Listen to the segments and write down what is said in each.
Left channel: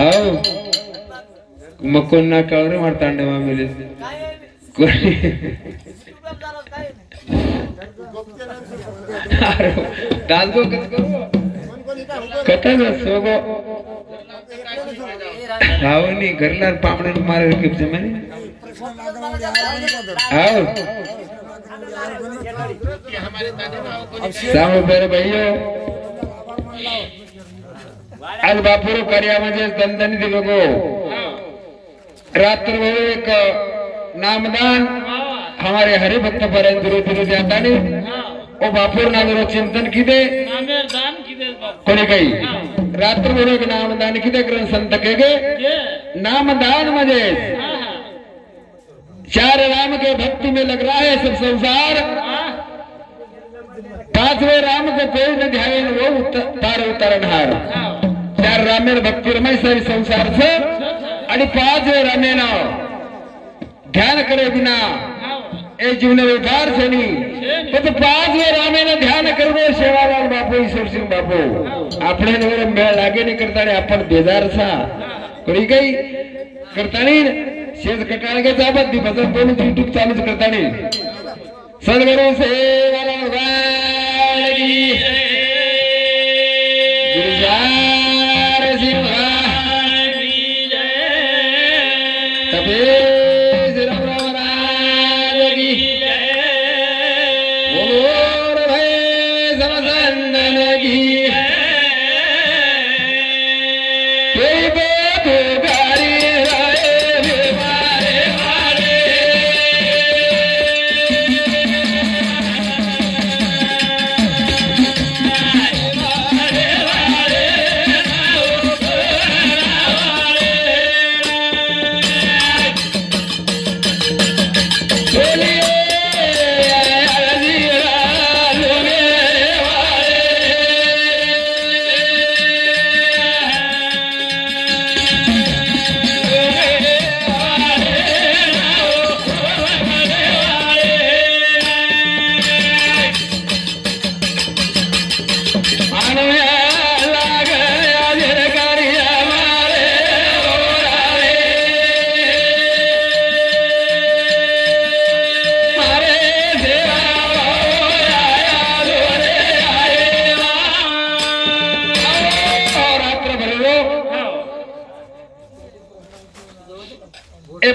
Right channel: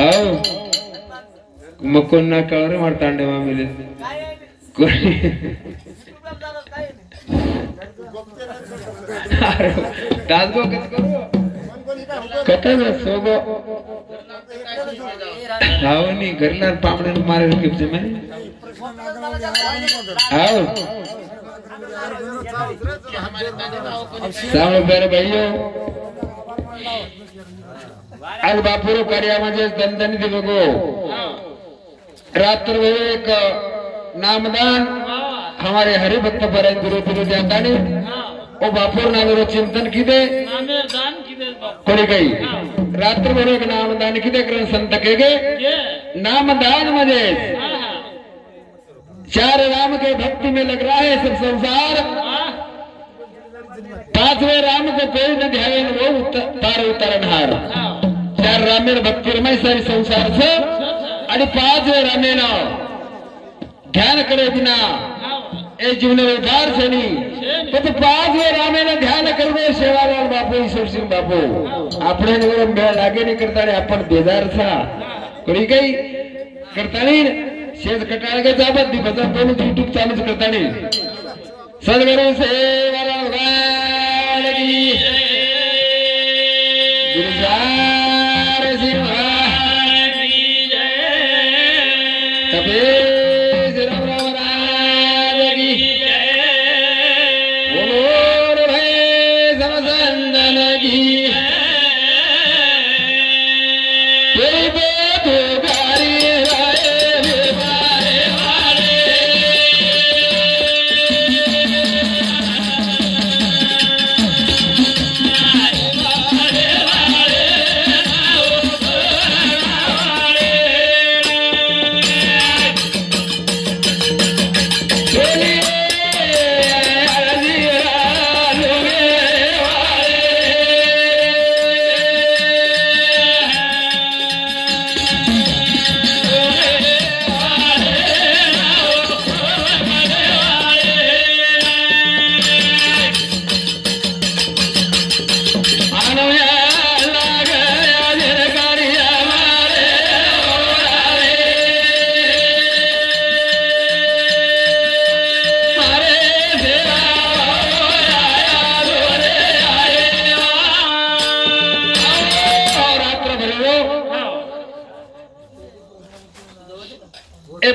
आओ मकोन ना कावर मारतांडे मामिले दादगो कथा न सोगो हावनी घरला पामणे मारे के जमाने आओ सामो बेरे भाइयों आज बापुरो कार्यामध्ये दंदनी दिवगो रात्र एक नामदान हमारे हरिभक्त परम गुरु गुरु जाता नहीं ओ बापुर नामेरो चिंतन किदे कोणी काही रात्र भर एक नामदान किदे करून संत केगे नामदान मध्ये चार राम के भक्ति में लग रहा है सब संसार पांचवें राम को कोई न ध्यान वो तार उतारनहार चार रामेर भक्ति रमाई सारी संसार से आणि पांचवें रामेन ध्यान करे बिना ए जीवन व्यवहार से नहीं तो पांचवें रामेन ध्यान करवे सेवालाल बापू ईश्वर सिंह बापू अपने मेळ लागे नहीं करता रे अपन बेजार सा कोणी काही करता नहीं शेज कटाळ के जाबत दिवसा दोन यूट्यूब चालू करता नहीं सदगुरु सेवालाल गायकी गिरिजार सिंह तबे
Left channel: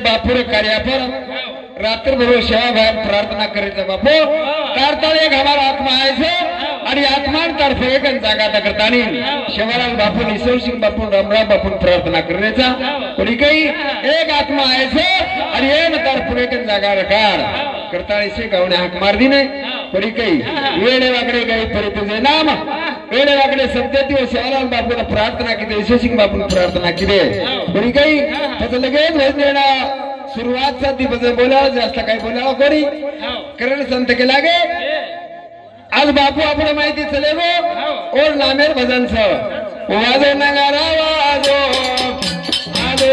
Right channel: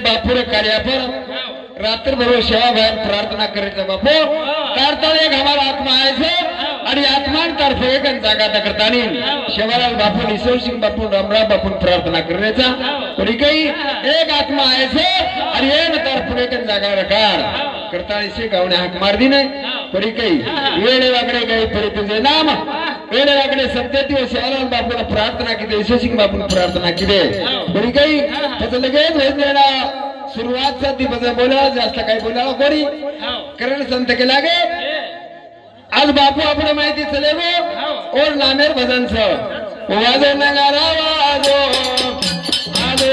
बापुर कार्य पर रात्र भर सेवा भाव प्रार्थना करे बापू तारताल एक हमारा आत्मा आहे आणि आत्मांतर्फे एक जागा करता शेवालाल बापू ईश्वर सिंह बापू रामराव बापू प्रार्थना करण्याचा कोणी काही एक आत्मा आहे आणि एक तर्फे एक जागा रकार करता इसे गावने हाक मार दी ने कोणी काही वेळे वागडे काही परिपूर्ण नाम वेळे वागडे सप्तती व शेवालाल बापू प्रार्थना की ईश्वर सिंह बापू प्रार्थना की कोणी काही त्याचं लगेच होईना सुरुवात साठी बोलावं जास्त काही बोलावं कोणी कारण संत के लागे आज बापू आपण माहिती चले गो और नामेर भजन छ वाजो नगारा वाजो आदो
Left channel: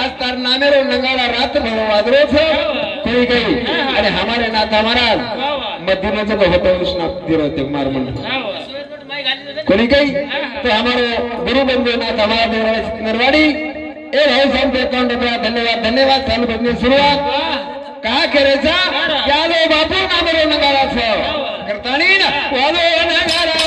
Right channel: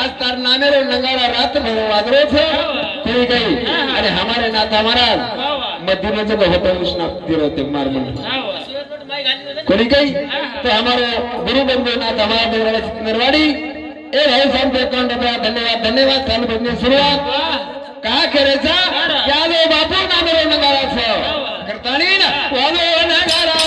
आज तार नामेरो नगारा रात भर वाजरो छो कोई गई अरे हमारे नाथा महाराज मध्य जो होतो कृष्णा दिरोते मार मन कोई गई तो हमारे गुरु बंधु नाथ हमारे नरवाड़ी ए भाई सब देता धन्यवाद धन्यवाद चालू बंधु शुरुआत कहा करेचा यादव बापू नामेरो नगारा छो करता नहीं ना वाजो नगारा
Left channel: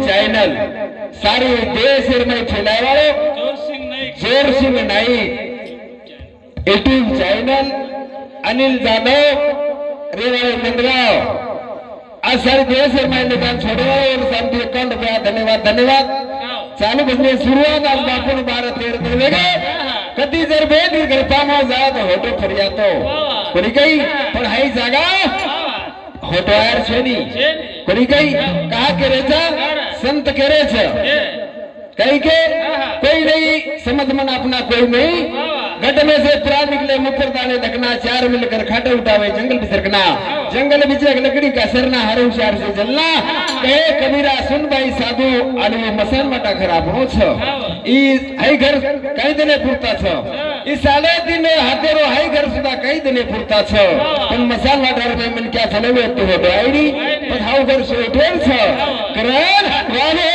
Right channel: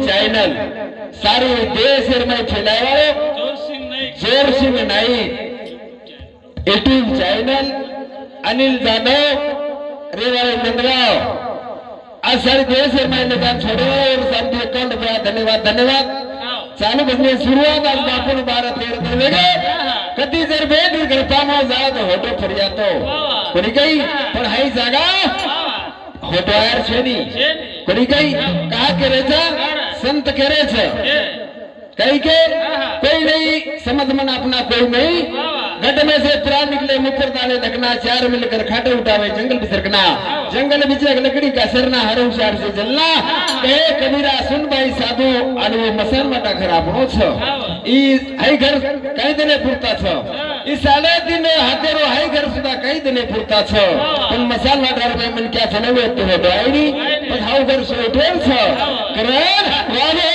चैनल सारे देश में फैलाए वाले जोर सिंह नाईक यूट्यूब चैनल अनिल जाधव रेवाड़ी मंडगांव आज सारे देश में निदान छोड़े और सामने अकाउंट रुपया धन्यवाद धन्यवाद चालू बजने शुरुआत आज बापू भारत रेड करेंगे कधी जर भेट करताना जात होटो फरियातो कोणी काही पण हाई जागा होटो यार छेनी कोणी काही कहा केरेचा संत केरेचा कहीं के कोई नहीं समझ मन अपना कोई नहीं गड्ढे में से प्राण निकले मुकर दाने ढकना चार मिलकर खाटे उठावे जंगल बिसरकना जंगल बीच लकड़ी का सरना हर होशियार से जलना कहे कबीरा सुन भाई साधु आणि वो मसान माटा खराब हो छ ई हाई घर कई दिने पुरता छ ई साले दिने हातेरो हाई घर सुद्धा कई दिने पुरता छ पण मसान माटा रे मिलक्या फलवे तो होतो आईनी पण हाऊ घर सो ठेल छ करण वाले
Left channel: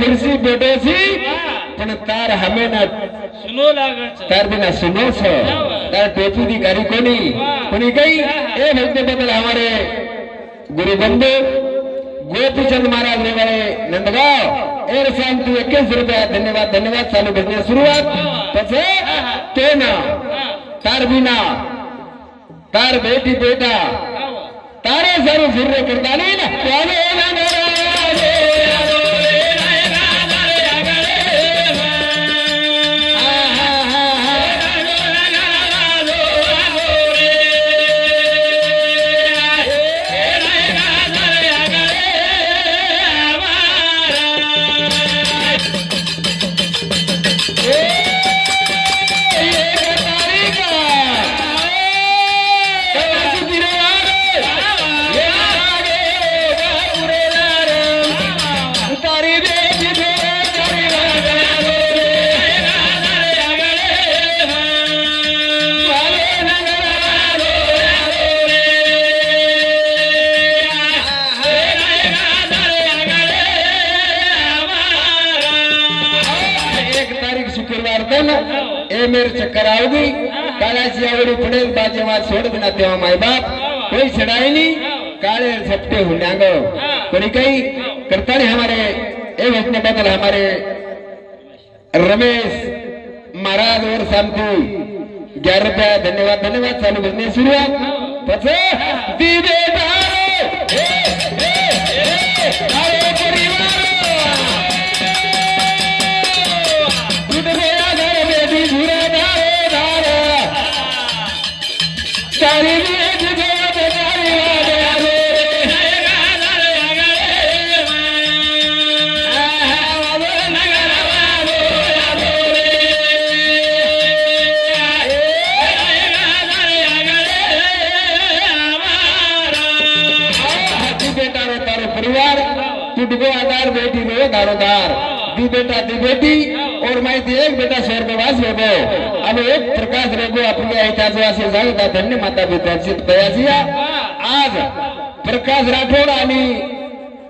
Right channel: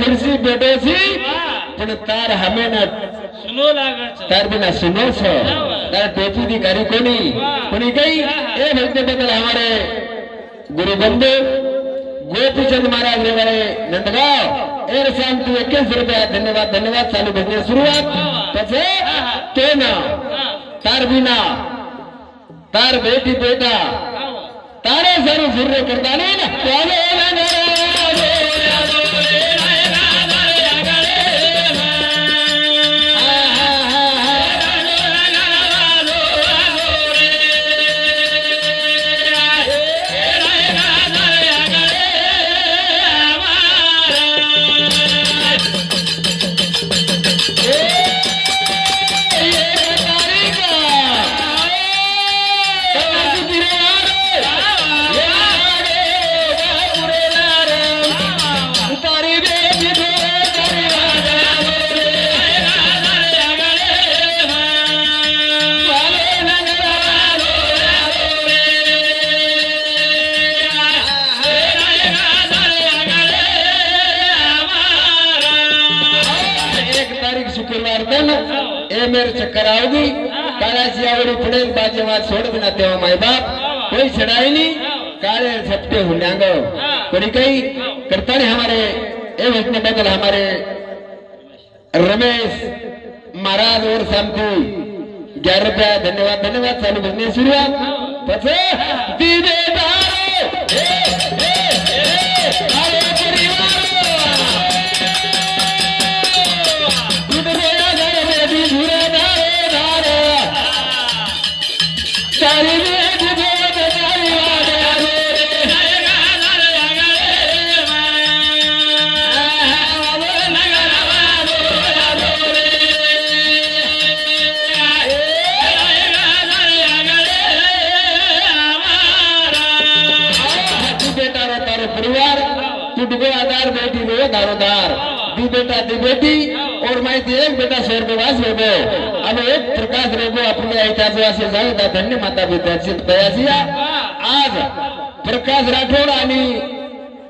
खुर्सी बैठे सी पण तार हमें न सुनो लागे तार बिना सुनो छ तार टोपी की कारी कोनी कई ए भक्ति बदल हमारे गुरु बंधु गोपीचंद महाराज ने वाले नंदगांव एर शांति 21 रुपया धन्यवाद धन्यवाद चालू बजने शुरुआत पछे तेना तार बिना तार बेटी बेटा तारे जरूर फिरने करता नहीं ना मेरे चक्कर आओगी कालाची आवडी पडेल बाजेवाद सोड बिना तेव्हा माय बाप कोई छड़ाई नहीं काले झपटे हुलांग कोई कई करता नहीं हमारे ए वचने बदल हमारे रमेश महाराज और शांति 11 रुपया धन्यवाद धन्यवाद चालू बजने शुरुआत पछे आधार बेटी गो दारोदार दी बेटी और मैं एक बेटा स्वर्गवास होगो अब एक प्रकाश रेगो अपने ऐतिहासिक जाऊदा धन्य माता विकसित कयासिया आज प्रकाश राठोड आणि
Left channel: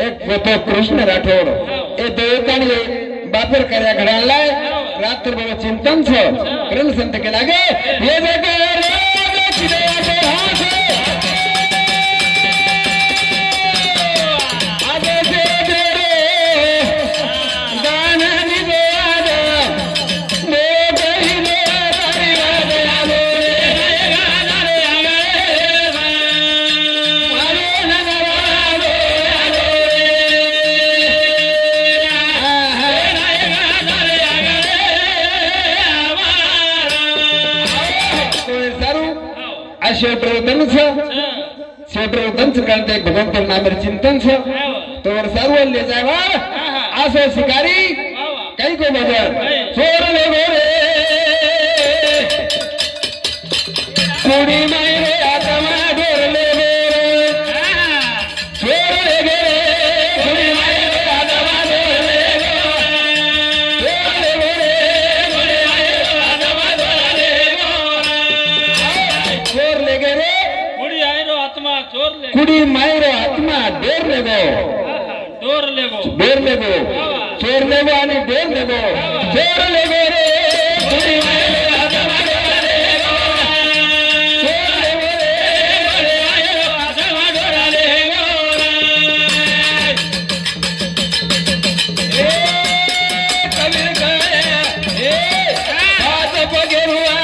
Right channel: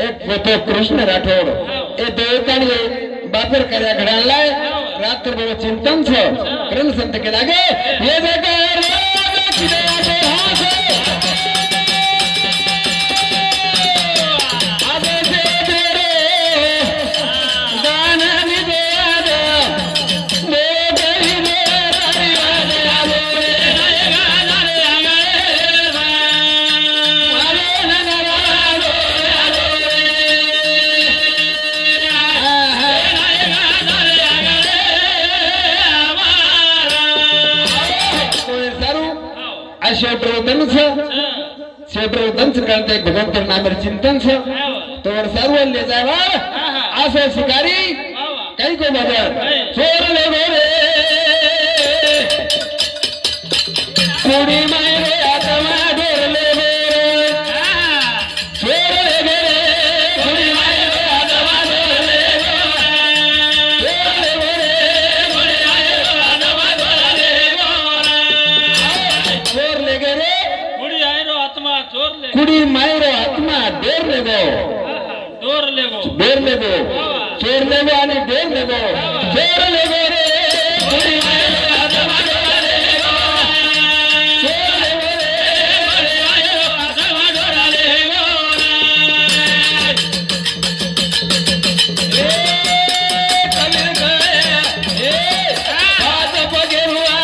एक पोतो कृष्ण राठोड ए दोघांनी बापेर कार्या घडालाय रात्रभर चिंतन छ करण संत के लागे ये बेटा शेवटर उतंच करते भगवंत नामेर चिंतन तोवर सर्व ले जावा असं शिकारी काही को बघा चोर ले रे कुडी माय आत्मा डोर ले चोर ले कुडी माय आत्मा डोर ले चोर ले रे कुडी मायरो आत्मा डोर लेगो चोर लेगो आणि डोर लेगो चोर लेगो रे कुडी मायरो आत्मा डोर लेगो चोर लेगो रे कुडी मायरो आत्मा डोर लेगो ए हाथ पगरुआ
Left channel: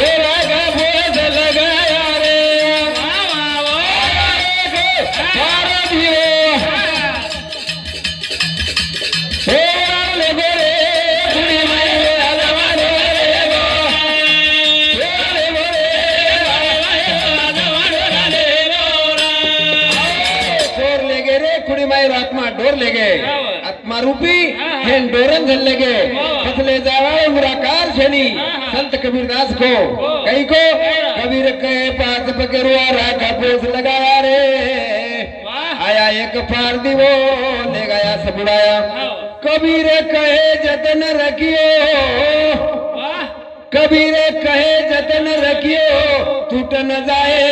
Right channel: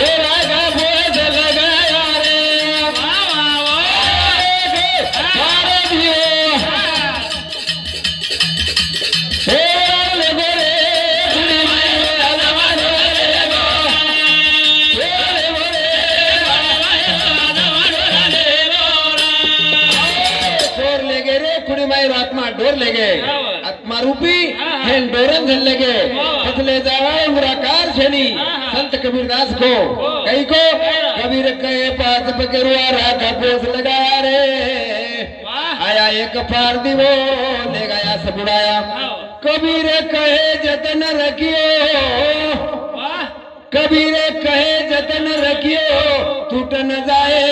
ए रागा बोझ लगाया रे आत्मा डोर लेगे आत्मा रूपी हेन डोरन झल लेगे फसले जावाए मुराकार शनि संत कबीरदास को कई को कबीर कहे पास पकड़वा राखा पोस लगाया रे आया एक पार दिवो ले गया सब उड़ाया कबीर कहे जतन रखियो कबीर कहे जतन रखियो टूट न जाए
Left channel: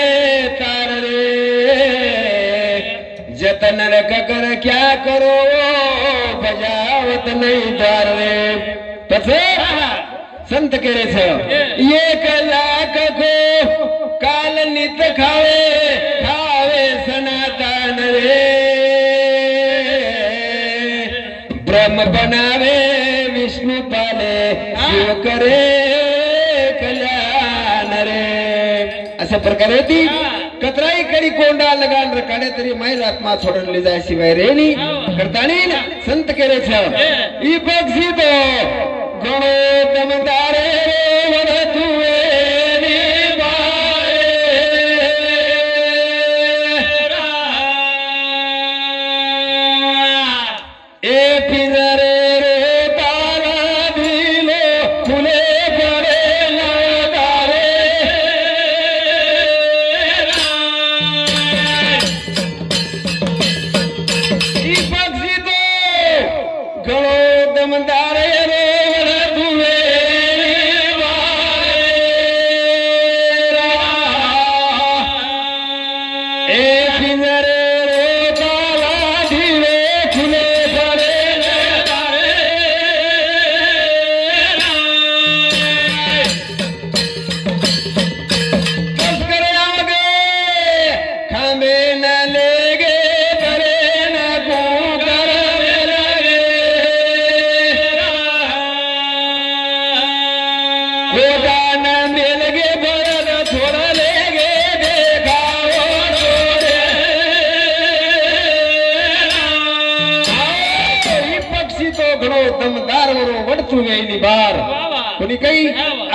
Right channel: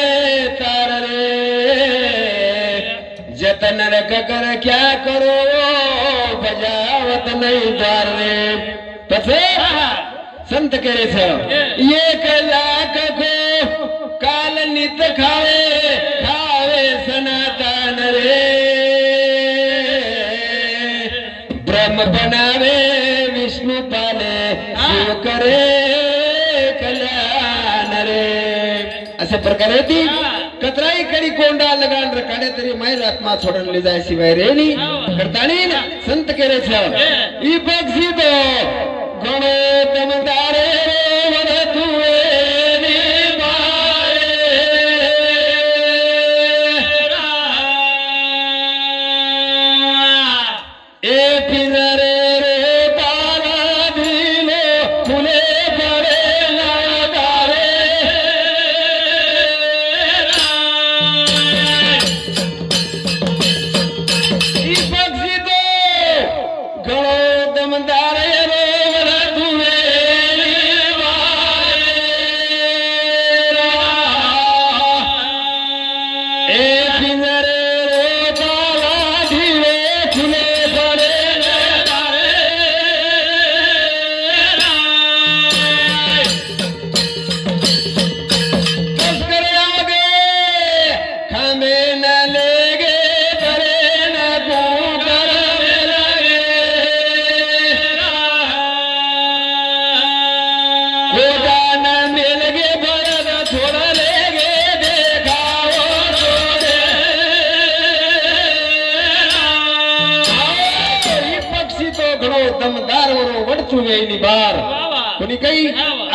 तार रे जतन रख कर क्या करो बजावत नहीं द्वार रे तसे संत करे छ ये कलाक को काल नित खावे खावे सनातन रे ब्रह्म बनावे विष्णु पाले शिव करे कल्याण रे अशा प्रकारे ती कतराई कडी कोंडा लगान रकाडे तरी मायर आत्मा छोडून ले जाय शिवाय रेनी करतानी संत केले छ ई बक्षी तो गणो तमदारे वर तुए नी बारे ए पिंजरे रे तारा दिलो फुले पड़े लगारे गणो दमदारे रे दुए ए पिंजरे रो ताला धीरे खुले पड़े करे आगे खामे न लेगे करे न कूकर न मिल गे बड़ छोड़ लेगे देखाओ पक्षी तो घणो दमदार वड़चू गई बार कोणी कही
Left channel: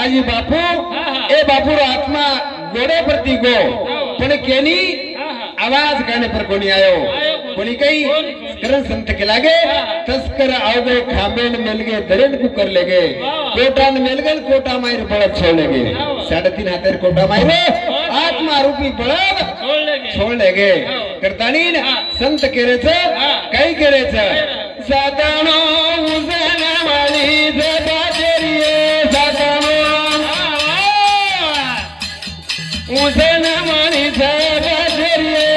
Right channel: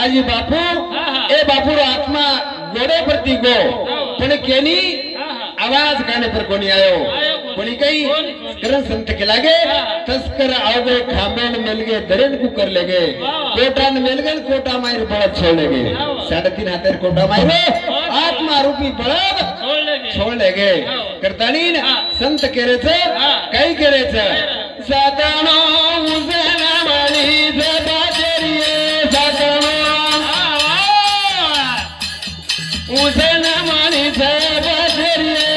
आजी बापू ए बापू रो आत्मा घोड़े प्रति गो पण केनी आवाज गाने पर कोणी आयो कोणी कही करण संत के लागे तस्कर आओगे खामेन मिल गए दरेन को कर लेगे कोटा न मिल गए कोटा मायर बड़ा छोड़ लेगे 3.5 हाथ कोटा मायर आत्मा रूपी बड़ा छोड़ लेगे करतानी संत केरे छ कई केरे छ सातानो उजना माली सदा केरिए सातानो उजना माली सदा केरिए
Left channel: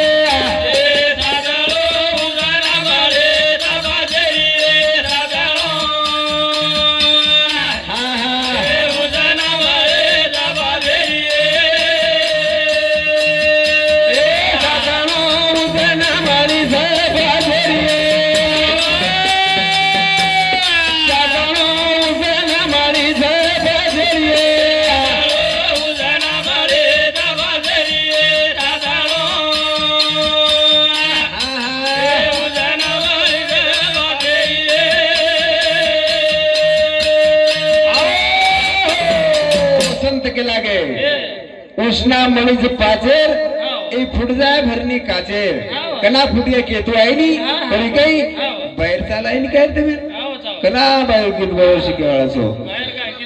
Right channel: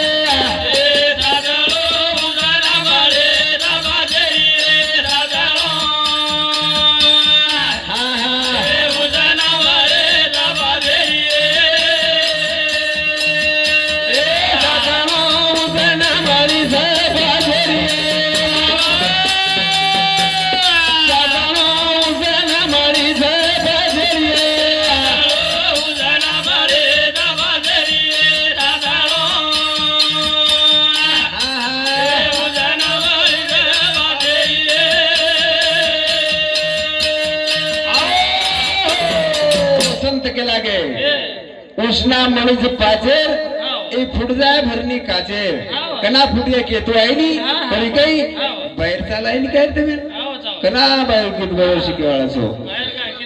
उष्णा मणीचे पाचेर ए फुट जाय भरणी काचेर कना फुटिया केतू आहे नी पण काही बाहेर चालाय काय तुम्ही कना बाहेर किती बाहेर शिकवाळाचो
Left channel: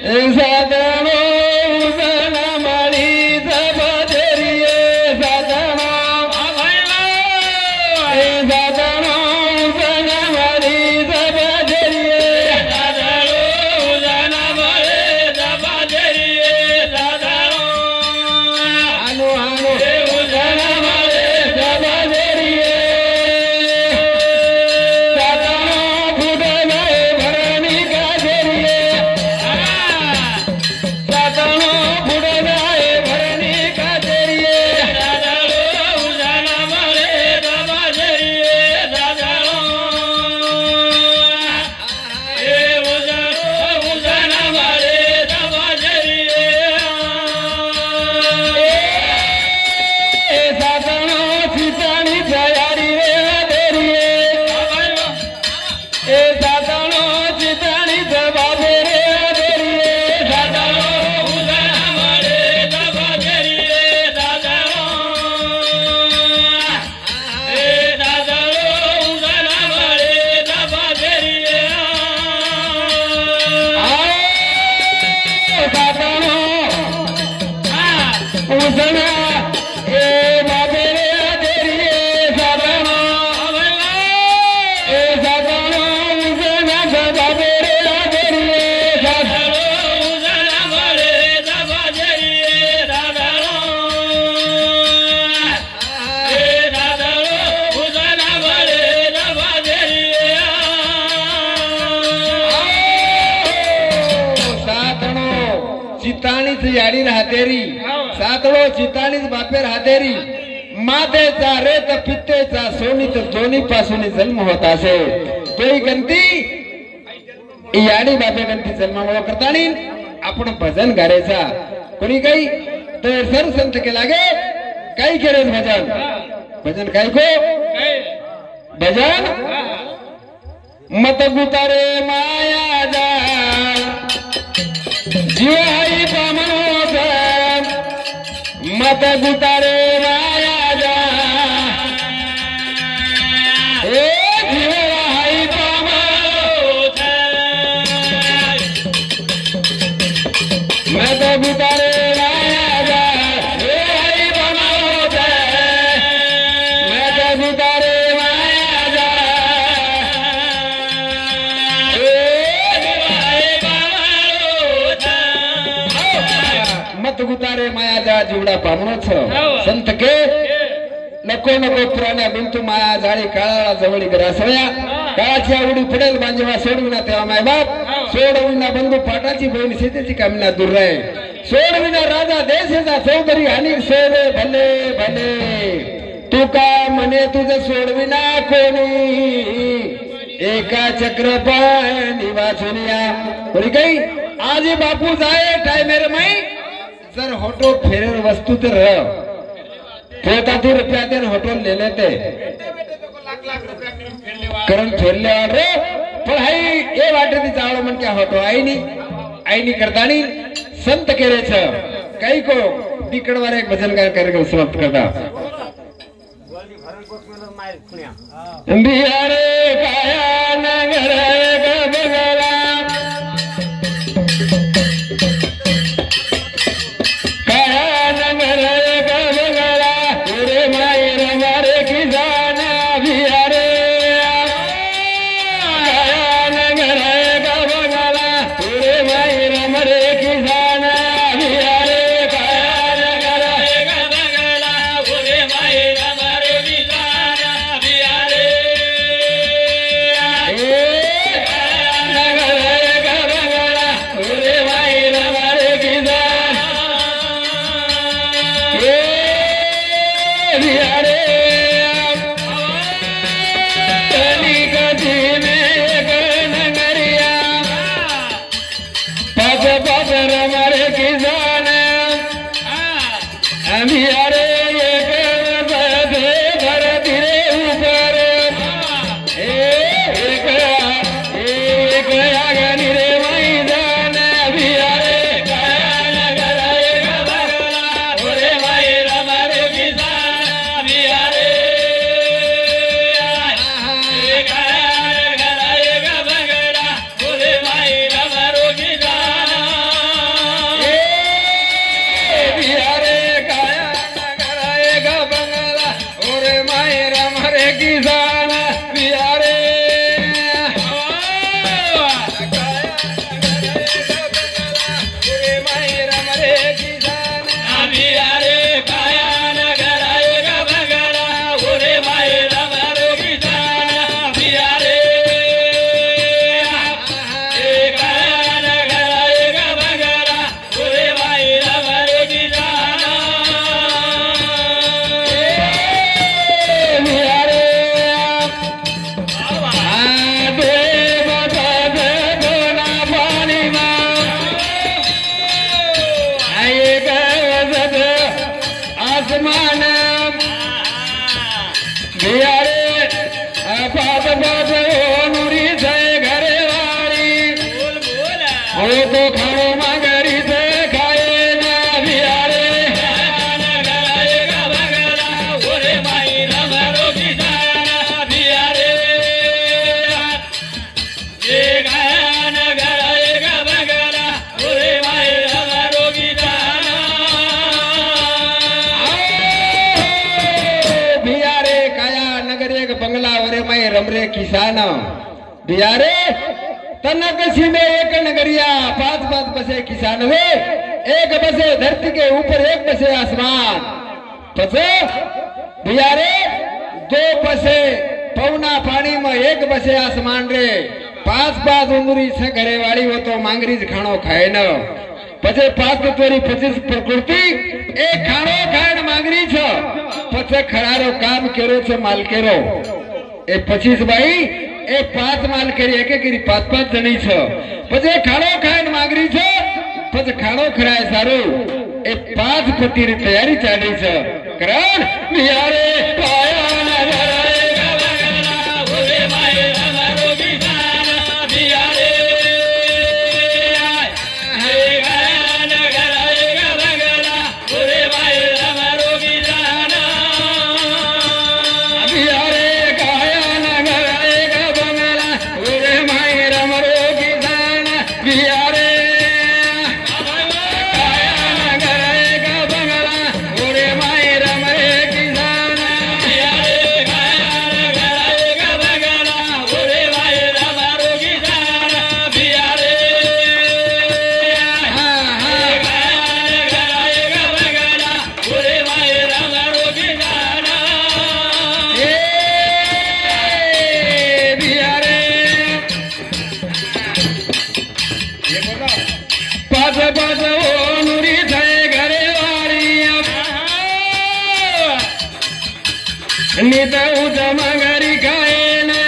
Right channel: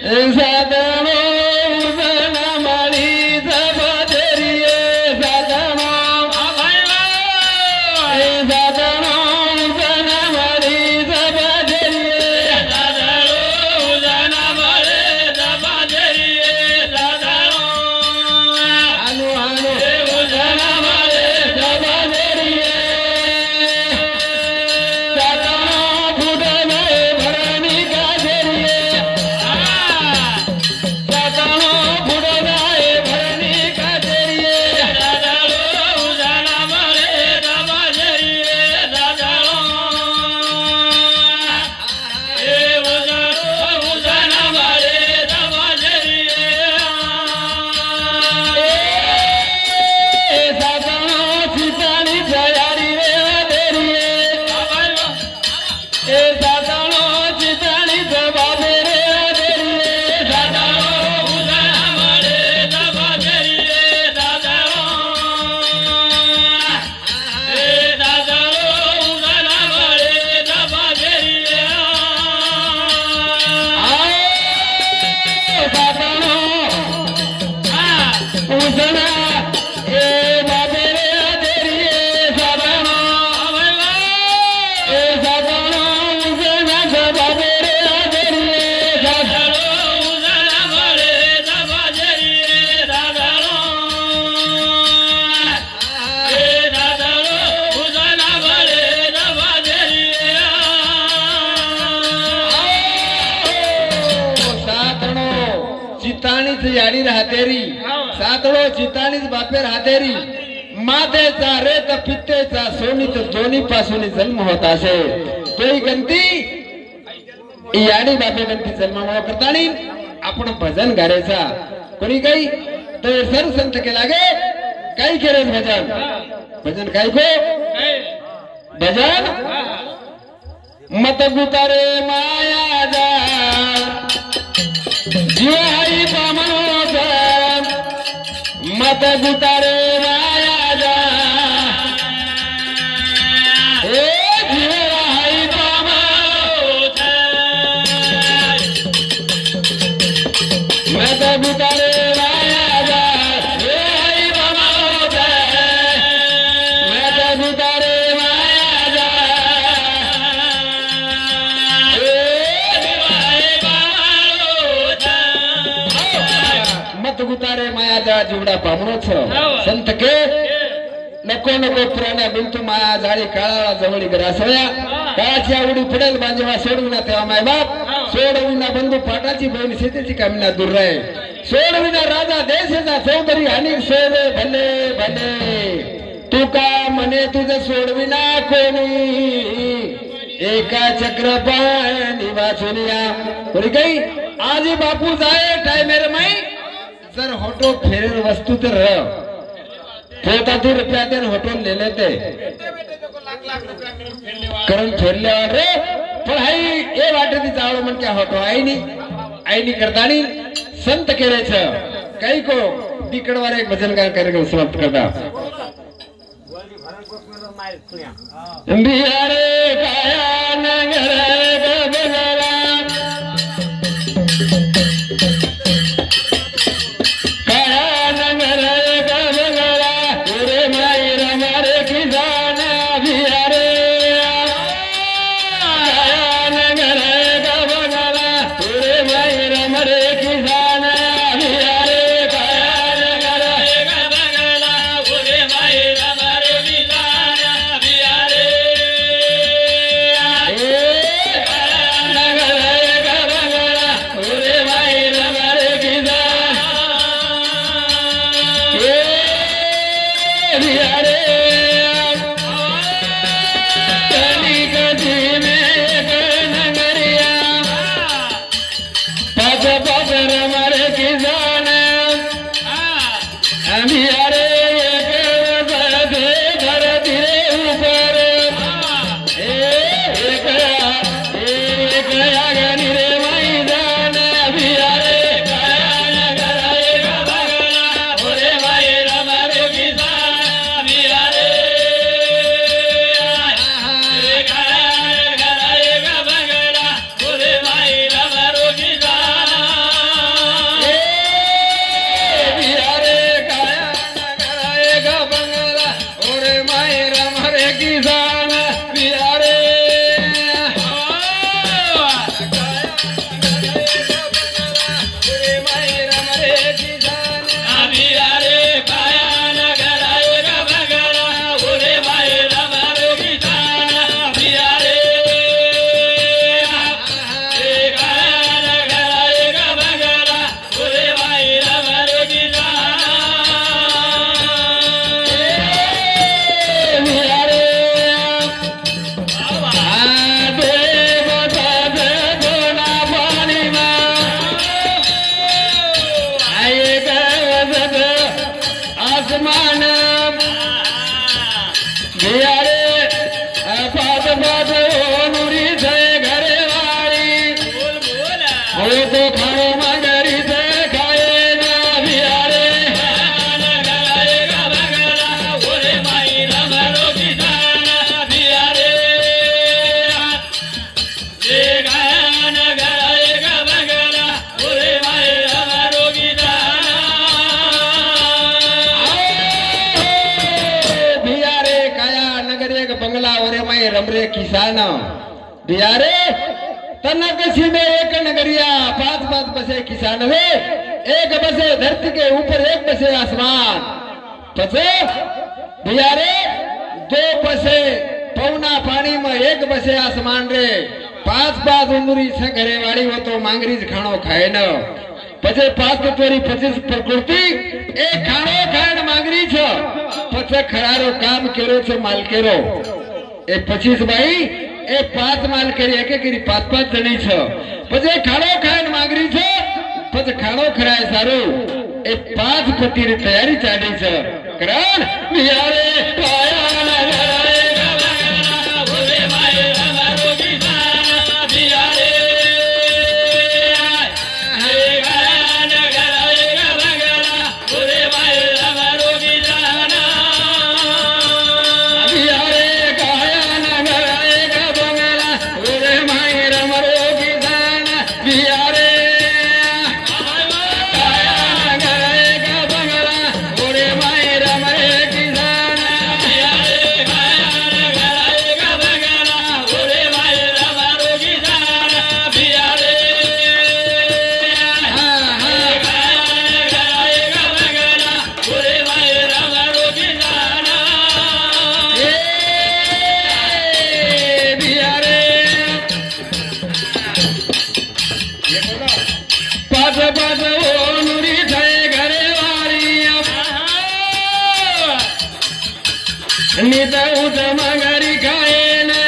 ए साधनो उजळा माळीचा बाजेरी साधनो ए साधनो उजळा माळीचा बाजेरी साधनो उजळा माळीचा बाजेरी साधनो आनो आनो उजळा माळीचा बाजेरी साधनो फुटणे भरणी काजेरी साधनो फुटणे भरणी काजेरी साधनो उजळा माळीचा बाजेरी साधनो ए उजळा माळीचा बाजेरी साधनो चिताणी जयारी देरी ए साधनो चिताणी जबाबे देरी साधनो उजळा माळीचा बाजेरी साधनो ए साधनो उजळा माळीचा बाजेरी साधनो उजळा ए बाबेरे देरी साधनो ए साधनो उजळा बाबेरे देरी साधनो उजळा माळीचा बाजेरी साधनो ए साधनो उजळा माळीचा बाजेरी साधनो चिताणीच याडी राहतेरी सातळो चिताणीच बापे राहतेरी मातेचा रेत पित्तेचा सोनीत दोन्ही पासून जन्म होत असे तोही गंती याडी बापे गंती जन्मामुळे करतानी आपण भजन गायचा कोणी काही तो सर संत केला गे काही केले भजन भजन काय को भजन मत गुतारे माया जा जीवाई पामनोचा मत गुतारे माया जा ए जीवाई पामनोचा मत गुतारे माया जा जीवाई पामनोचा मत गुतारे माया जा मत गुतारे मायाजा जीवडा पामणोच संत के नको नको पुराण्या बिंतू माया जाळी काळाला जवळी गरासळ्या काळाची आवडी पडेल बांजवा सोडविना तेव्हा मायबाप सोडविना बंधू पाटाची बहीण शेतीची कामना दूर राहे सोडविना राजा देशाचा चौधरी आणि सोडे भले भले तू का म्हणे तुझं सोडविना कोणी एका चक्रपाणी वाचुनिया बरी काही आज बापू जाए टाइमेर माई जर होटो फेरेल वस्तू तर पोता तू रुपया देन होटो ले लेते करण फेरल्यावर रे पण हाई ए वाटे चावळ म्हण क्या होतो आईनी करतानी संत केलेच काही को तिकडवाला एक भजन गायन कार्यक्रम समाप्त करता बिहारे काया नगर बगला काया नगर बगला रे मायर मारे की जाना बिहारे काया नगर बगला रे मायर मारे की जाना बिहारे काया नगर बगला रे मायर मारे की जाना बिहारे हो तो खाणो मागरी से खाए ना बियारे रमरे किसान बियारे तनकसी में एक नगरिया 5-5 बसे किसान हुए एक बसे धरती के ऊपर एक बसे आसमान बसे बियारे 2 बसे पौना पानी में एक बसे आसमान रे 5-5 उंगरी से घरे वाली हो तो मांगरी खाणो खाए न पछे 5 तोरी 25 प्रकृति एक खाणो खाए मांगरी छ पछे खरारो काम करो छ मालकेरो ए 25 भाई ए 5 माल करी एक 5-5 जणी छ पछे खाणो खाए मांगरी छ पछे खाणो खराय सारो ए 5 पति री तैयारी चाली छ करण बियारे पाया मगरी खाए ना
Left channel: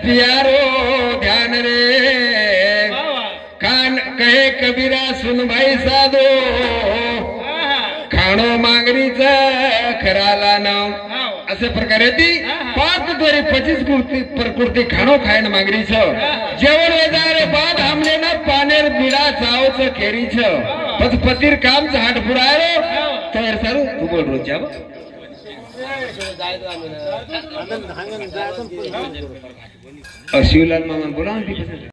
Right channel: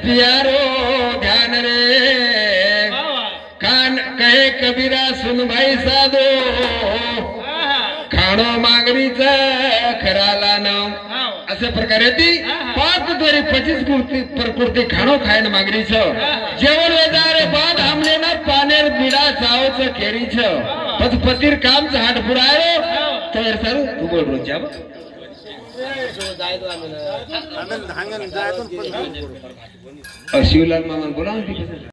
प्यारो ध्यान रे कान कहे कबीरा सुन भाई साधो खाणो मागणीचा खराला नाव अशा प्रकारे ती 5-25 प्रकृती खाणो खायण मागणीच जेवण वेदारे बाद हमले ना पानेर बिडा सावच खेरीच पतीर काम हाट पुरायो तर सर तू बोल रोज शिवलाल मामा बोला